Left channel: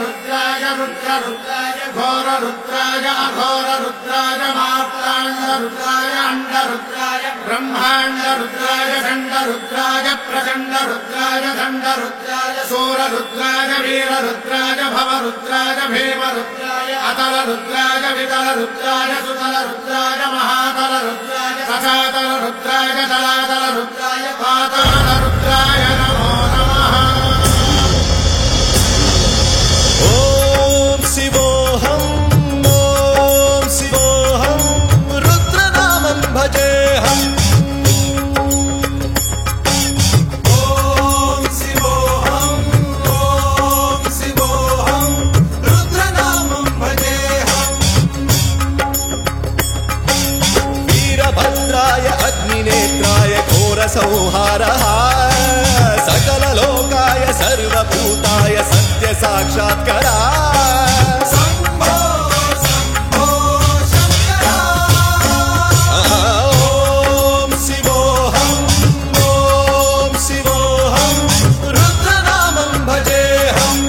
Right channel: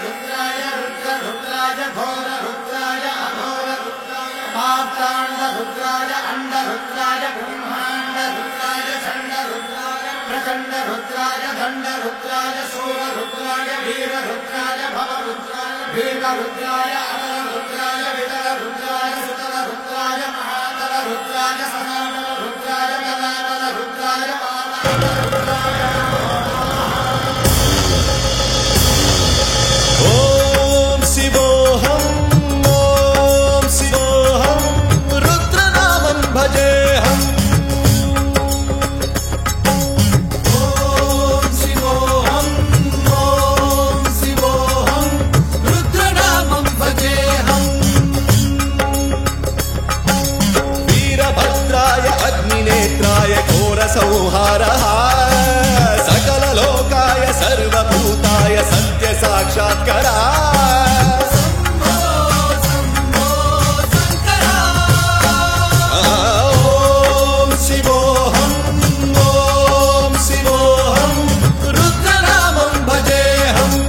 रुद्राय रुद्ररुद्राय घोररुद्राय अघोररुद्राय मात्राण्डरुद्राय अण्डरुद्राय ब्रह्माण्डरुद्राय चण्डरुद्राय प्रचण्डरुद्राय दण्डरुद्राय सूररुद्राय वीररुद्राय भवरुद्राय भीमरुद्राय अतलरुद्राय वितलरुद्राय सुतलरुद्राय महातलरुद्राय सचातलरुद्राय जलातलरुद्राय पातालरुद्राय नमो नमः। ओम शिवोऽहं रुद्रनामं भजेऽहम्। वीरभद्राय अग्निनेत्राय घोरसंहारः सकललोकाय सर्वभूताय सत्यसाक्षात्करा। ओम शिवोऽहं रुद्रनामं भजेऽहम्।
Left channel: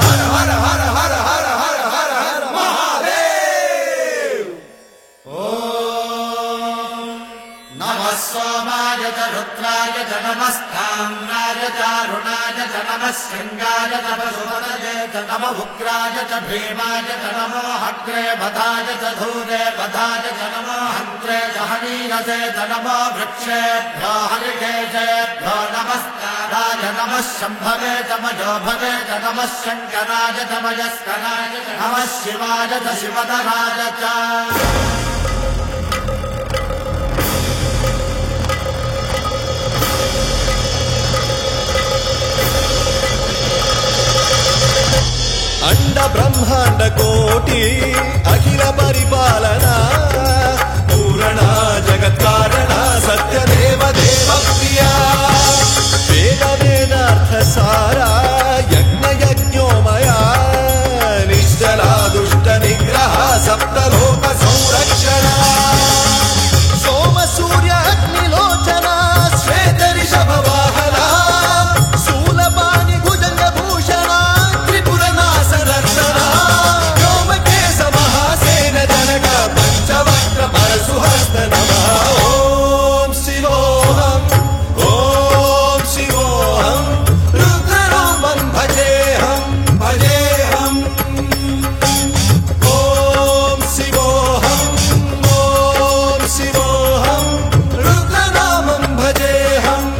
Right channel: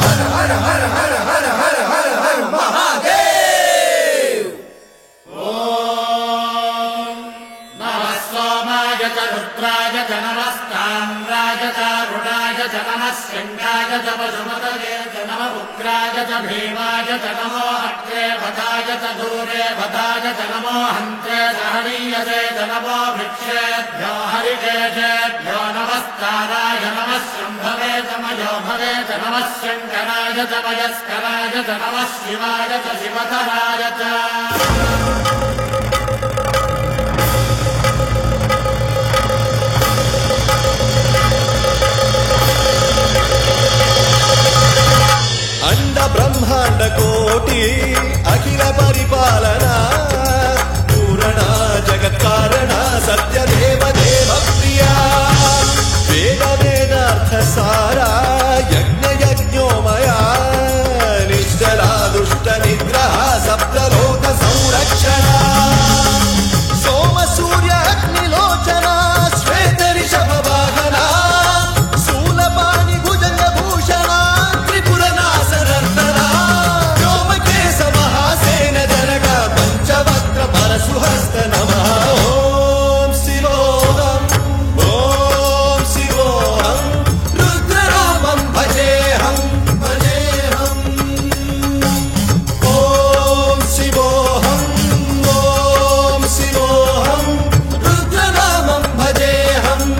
हर हर हर हर हर हर हर हर महादेव। ओम नमः सोमाय च रुद्राय च नमस्ताम्राय च अरुणाय च नमः सिंहाय च पशुपतये च नमः उग्राय च भीमाय च नमो अग्रे वधाय च धूरे वधाय च नमो हन्त्रे च हनीयसे च नमो वृक्षेभ्यो हरिकेशेभ्यो नमस्काराय नमः शम्भवे च मयोभवे च नमः शङ्कराय च मयस्कराय च नमः शिवाय च शिवधराय च। अंड ब्रह्मांड कोटि अखिल परिपालना पूरणा जगत्कारणा सत्य देव देव प्रिया वेद वेदार्थ सारा यज्ञ यज्ञोमया निश्चला दुष्ट निग्रह सप्तलोक संरक्षणा सोम सूर्य अग्निलोचना श्वेत ऋषभ वाहना शूलपाणि भुजंग भूषणा परशुहस्त नमः। ओम शिवोऽहं रुद्ररूपं भजेऽहम्। ओम शिवोऽहं रुद्रनामं भजेऽहम्।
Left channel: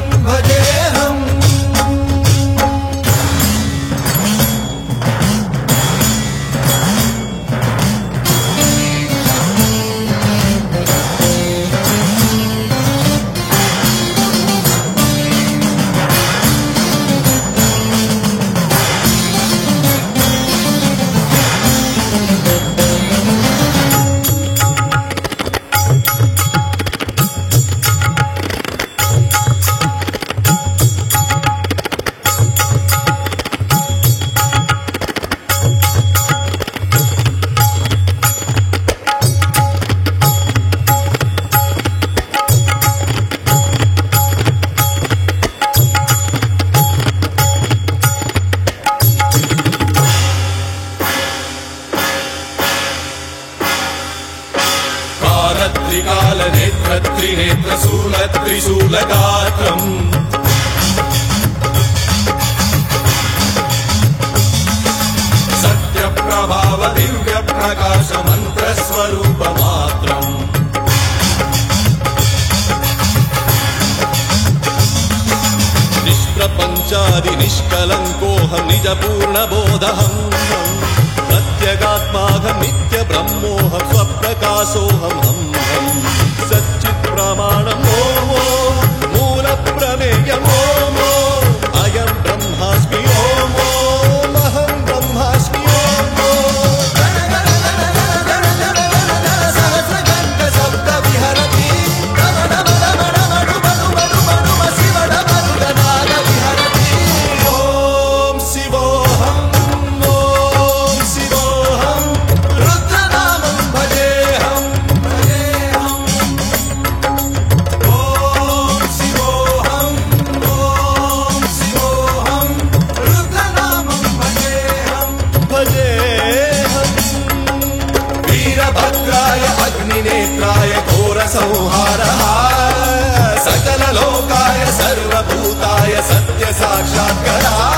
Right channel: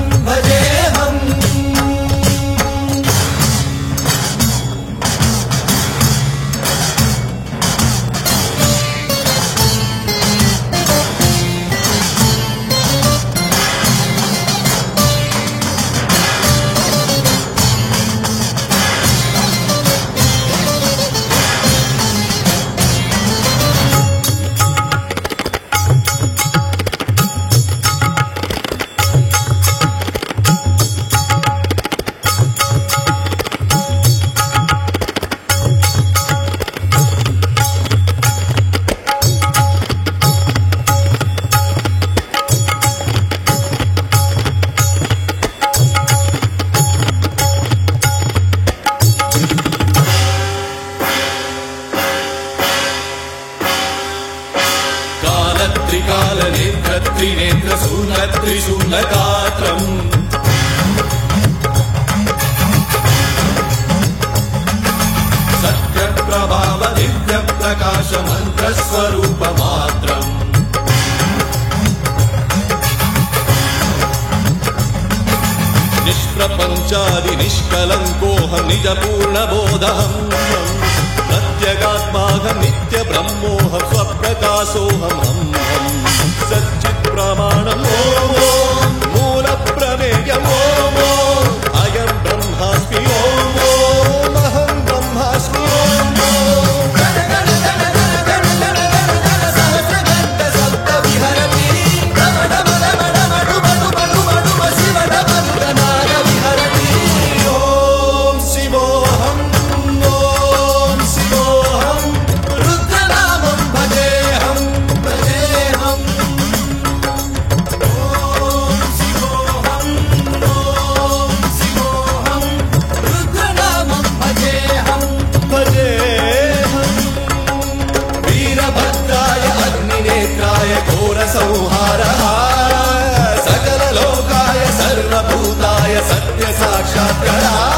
त्रिकालनेत्र त्रिनेत्र शूलत्रिशूलगात्रम् सत्यप्रभाव दिव्य प्रकाश मन्त्रस्वरूपमात्रम् निष्प्रपञ्चादि निष्कलङ्कोऽहं निजपूर्णबोधहम् प्रत्यगात्माहं नित्य ब्रह्मोऽहं स्वप्रकाशोऽहं सच्चित् प्रमाणम् ओम मूल प्रमेयम् ओम अयं ब्रह्मास्मि ओम अहं ब्रह्मास्मि ओम सहस्रघण्ट शब्द विहरति ओम शिवोऽहं रुद्रनामं भजेऽहम्। ओम शिवोऽहं वीराय घोरसंहारः सकललोकाय सर्वभूताय सत्य साक्षात्कारः